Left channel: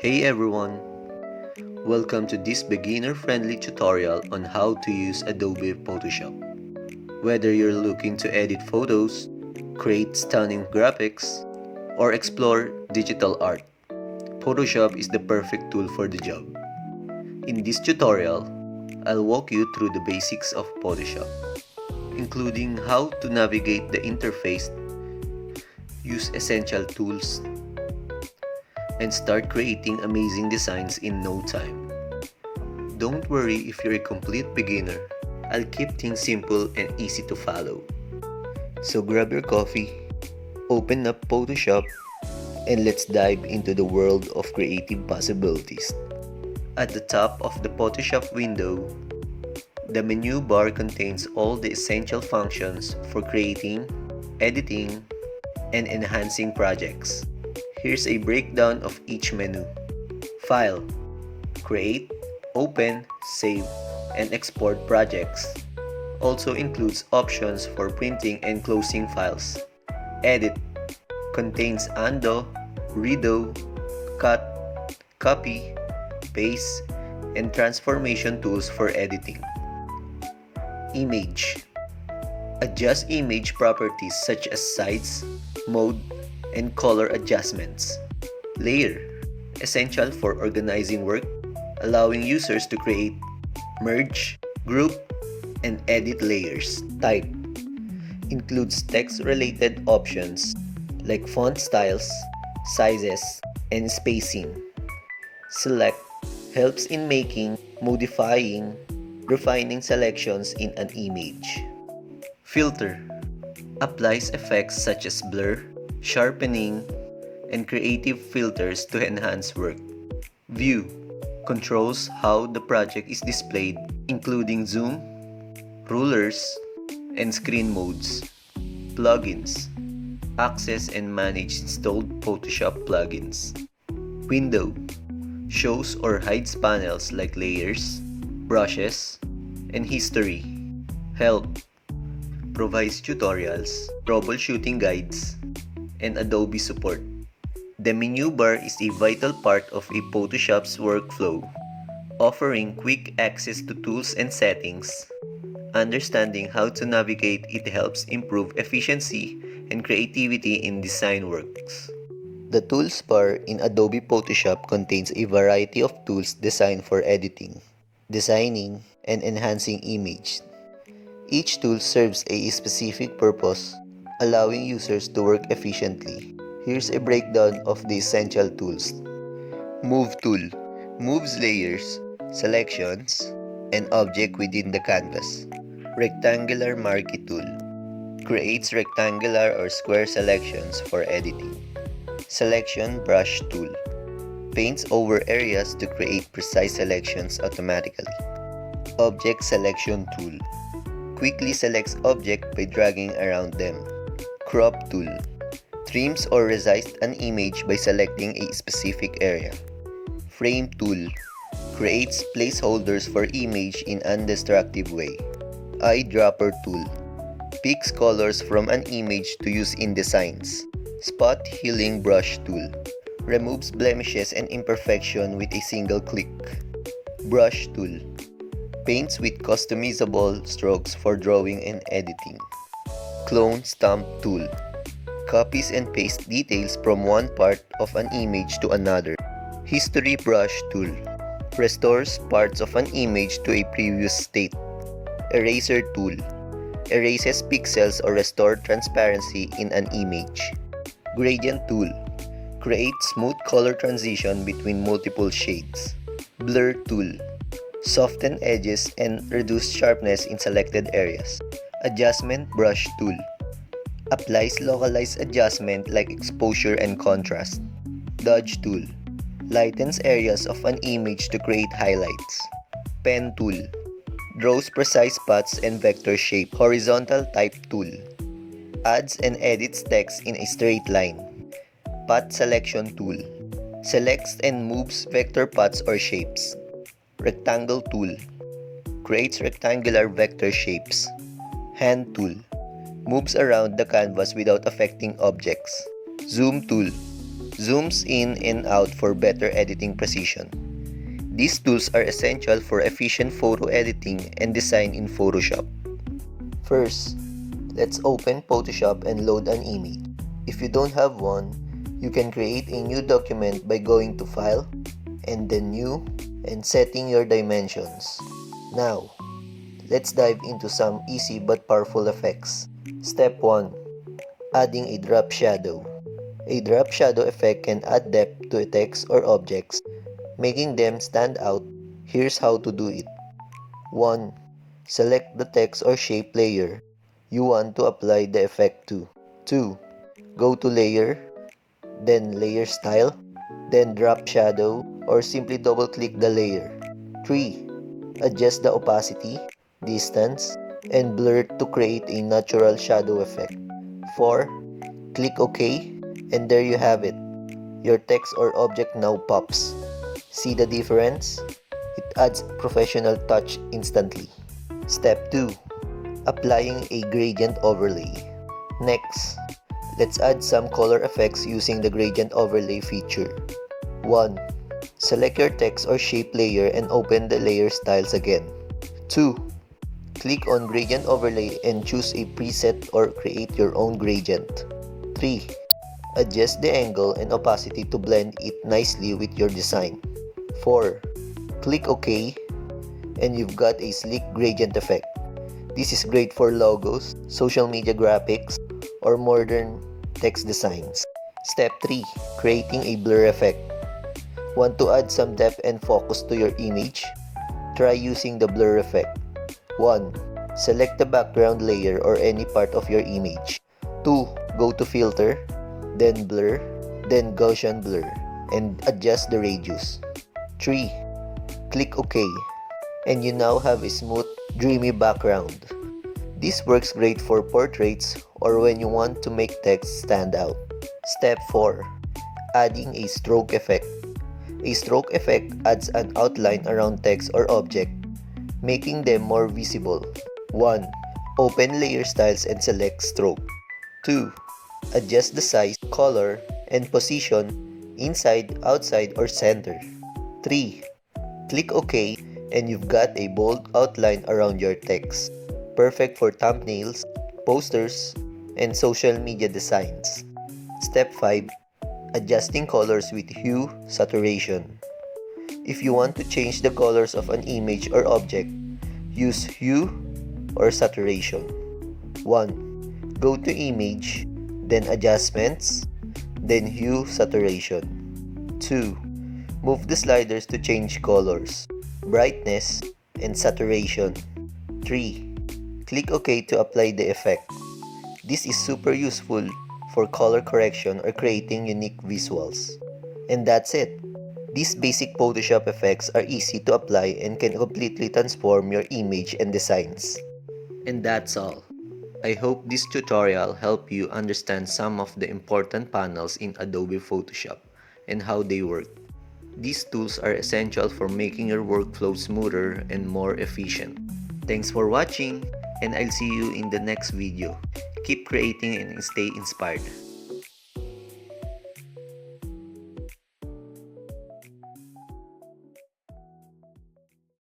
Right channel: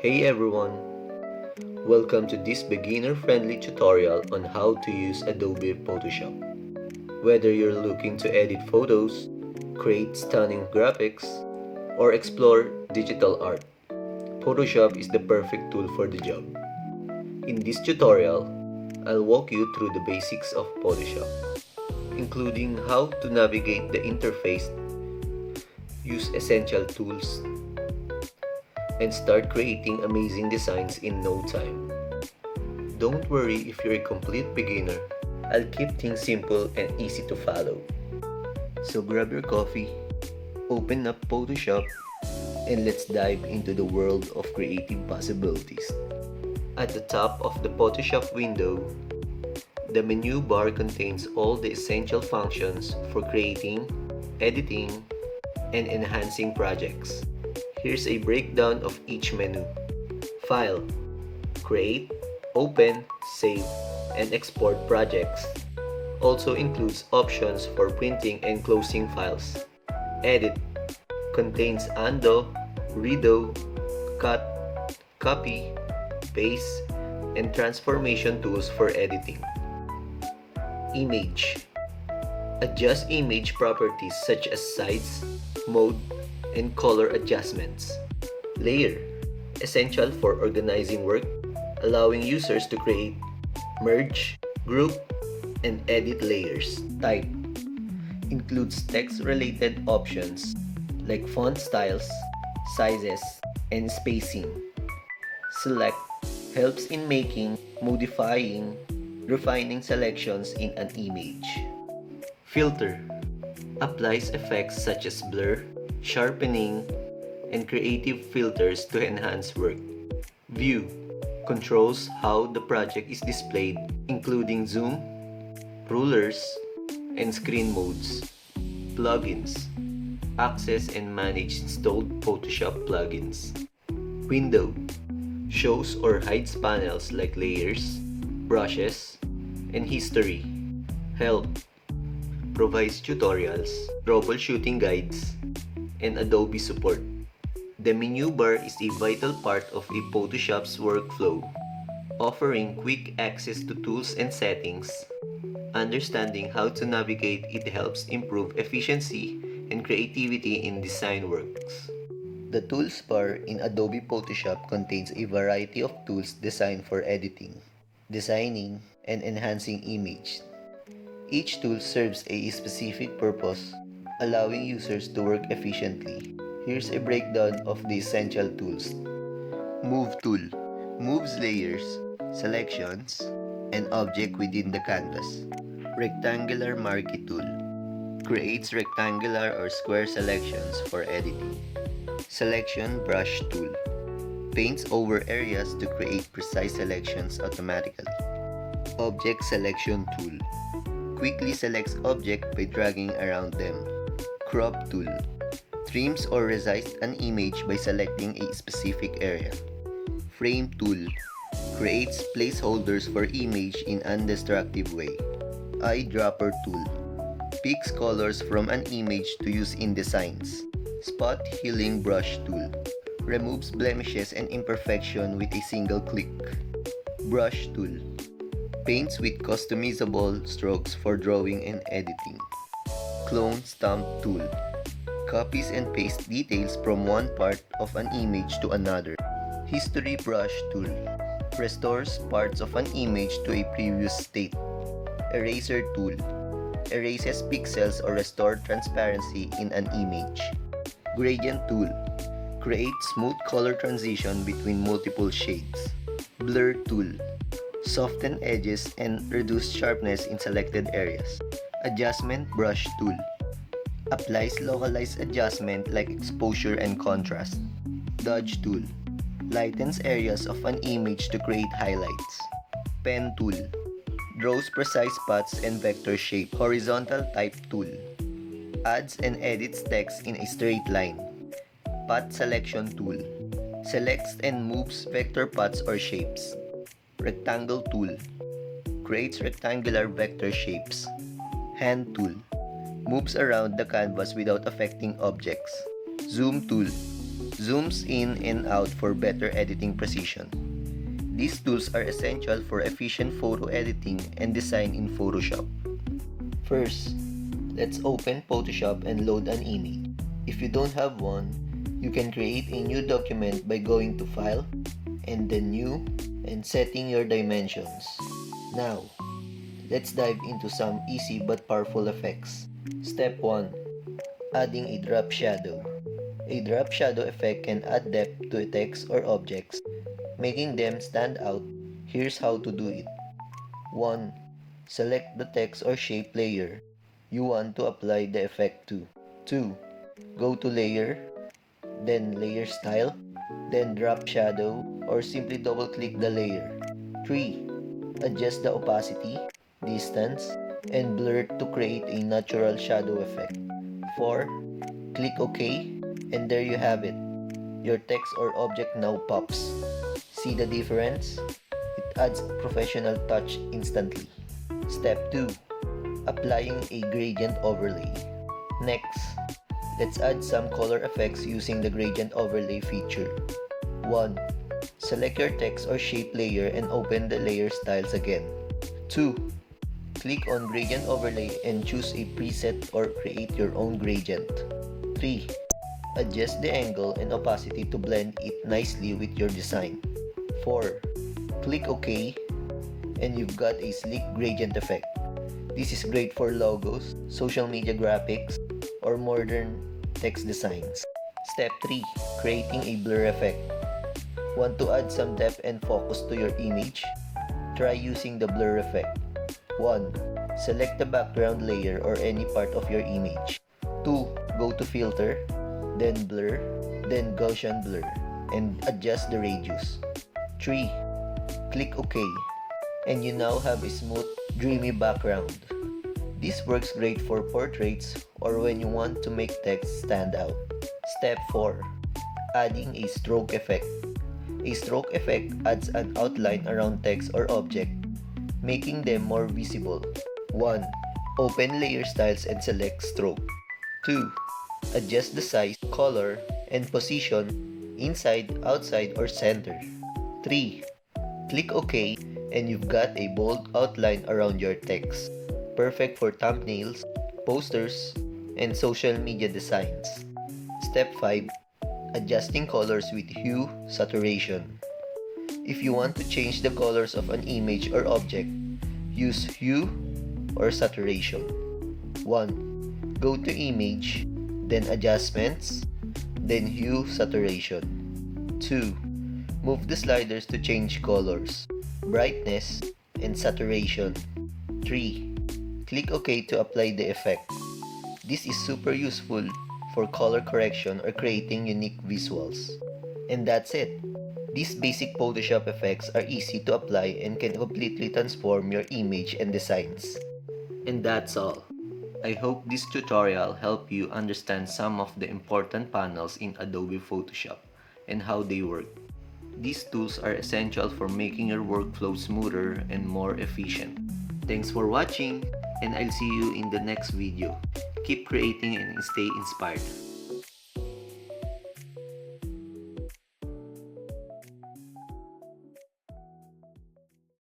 Hey everyone! Welcome to this beginner-friendly tutorial on how to use Adobe Photoshop. Whether you're looking to edit photos, create stunning graphics, or explore digital art, Photoshop is the perfect tool for the job. In this tutorial, I'll walk you through the basics of Photoshop, including how to navigate the interface, use essential tools, and start creating amazing designs in no time. Don't worry if you're a complete beginner. I'll keep things simple and easy to follow. So grab your coffee, open up Photoshop, and let's dive into the world of creative possibilities. At the top of the Photoshop window, the menu bar contains all the essential functions for creating, editing, and enhancing projects. Here's a breakdown of each menu. File, create, open, save, and export projects. Also includes options for printing and closing files. Edit, contains undo, redo, cut, copy, paste, and transformation tools for editing. Image, adjust image properties such as size, mode, and color adjustments. Layer, essential for organizing work, allowing users to create, merge, group, and edit layers. Type, includes text-related options like font styles, sizes, and spacing. Select, helps in making, modifying, refining selections in an image. Filter, applies effects such as blur, sharpening, and creative filters to enhance work. View, controls how the project is displayed, including zoom, rulers, and screen modes. Plugins, access and manage installed Photoshop plugins. Window, shows or hides panels like layers, brushes, and history. Help, provides tutorials, troubleshooting guides, and Adobe support. The menu bar is a vital part of a Photoshop's workflow, offering quick access to tools and settings. Understanding how to navigate it helps improve efficiency and creativity in design works. The tools bar in Adobe Photoshop contains a variety of tools designed for editing, designing, and enhancing image. Each tool serves a specific purpose, allowing users to work efficiently. Here's a breakdown of the essential tools. Move tool moves layers, selections, and object within the canvas. Rectangular marquee tool creates rectangular or square selections for editing. Selection brush tool paints over areas to create precise selections automatically. Object selection tool quickly selects object by dragging around them. Crop tool trims or resizes an image by selecting a specific area. Frame tool creates placeholders for image in undestructive way. Eyedropper tool picks colors from an image to use in designs. Spot healing brush tool removes blemishes and imperfection with a single click. Brush tool paints with customizable strokes for drawing and editing. Clone stamp tool copies and pastes details from one part of an image to another. History brush tool restores parts of an image to a previous state. Eraser tool erases pixels or restores transparency in an image. Gradient tool creates smooth color transition between multiple shades. Blur tool soften edges and reduce sharpness in selected areas. Adjustment brush tool applies localized adjustment like exposure and contrast. Dodge tool lightens areas of an image to create highlights. Pen tool draws precise paths and vector shape. Horizontal type tool adds and edits text in a straight line. Path selection tool selects and moves vector paths or shapes. Rectangle tool creates rectangular vector shapes. Hand tool moves around the canvas without affecting objects. Zoom tool zooms in and out for better editing precision. These tools are essential for efficient photo editing and design in Photoshop. First, let's open Photoshop and load an image. If you don't have one, you can create a new document by going to File, and then New, and setting your dimensions. Now, let's dive into some easy but powerful effects. Step 1. Adding a drop shadow. A drop shadow effect can add depth to a text or objects, making them stand out. Here's how to do it. 1. Select the text or shape layer you want to apply the effect to. 2. Go to Layer, then Layer Style, then Drop Shadow, or simply double-click the layer. 3. Adjust the opacity, distance, and blur to create a natural shadow effect. 4. Click OK, and there you have it. Your text or object now pops. See the difference? It adds professional touch instantly. Step 2. Applying a gradient overlay. Next, let's add some color effects using the gradient overlay feature. 1. Select your text or shape layer and open the layer styles again. 2. Click on gradient overlay and choose a preset or create your own gradient. 3. Adjust the angle and opacity to blend it nicely with your design. 4. Click OK, and you've got a sleek gradient effect. This is great for logos, social media graphics, or modern text designs. Step 3. Creating a blur effect. Want to add some depth and focus to your image? Try using the blur effect. 1. Select the background layer or any part of your image. 2. Go to Filter, then Blur, then Gaussian Blur, and adjust the radius. 3. Click OK, and you now have a smooth, dreamy background. This works great for portraits or when you want to make text stand out. Step 4. Adding a stroke effect. A stroke effect adds an outline around text or object, making them more visible. 1. Open Layer Styles and select Stroke. 2. Adjust the size, color, and position inside, outside, or center. 3. Click OK, and you've got a bold outline around your text. Perfect for thumbnails, posters, and social media designs. Step 5. Adjusting colors with hue, saturation. If you want to change the colors of an image or object, use hue or saturation. 1. Go to Image, then Adjustments, then Hue Saturation. 2. Move the sliders to change colors, brightness, and saturation. 3. Click OK to apply the effect. This is super useful for color correction or creating unique visuals. And that's it. These basic Photoshop effects are easy to apply and can completely transform your image and designs. And that's all. I hope this tutorial helped you understand some of the important panels in Adobe Photoshop and how they work. These tools are essential for making your workflow smoother and more efficient. Thanks for watching, and I'll see you in the next video. Keep creating and stay inspired.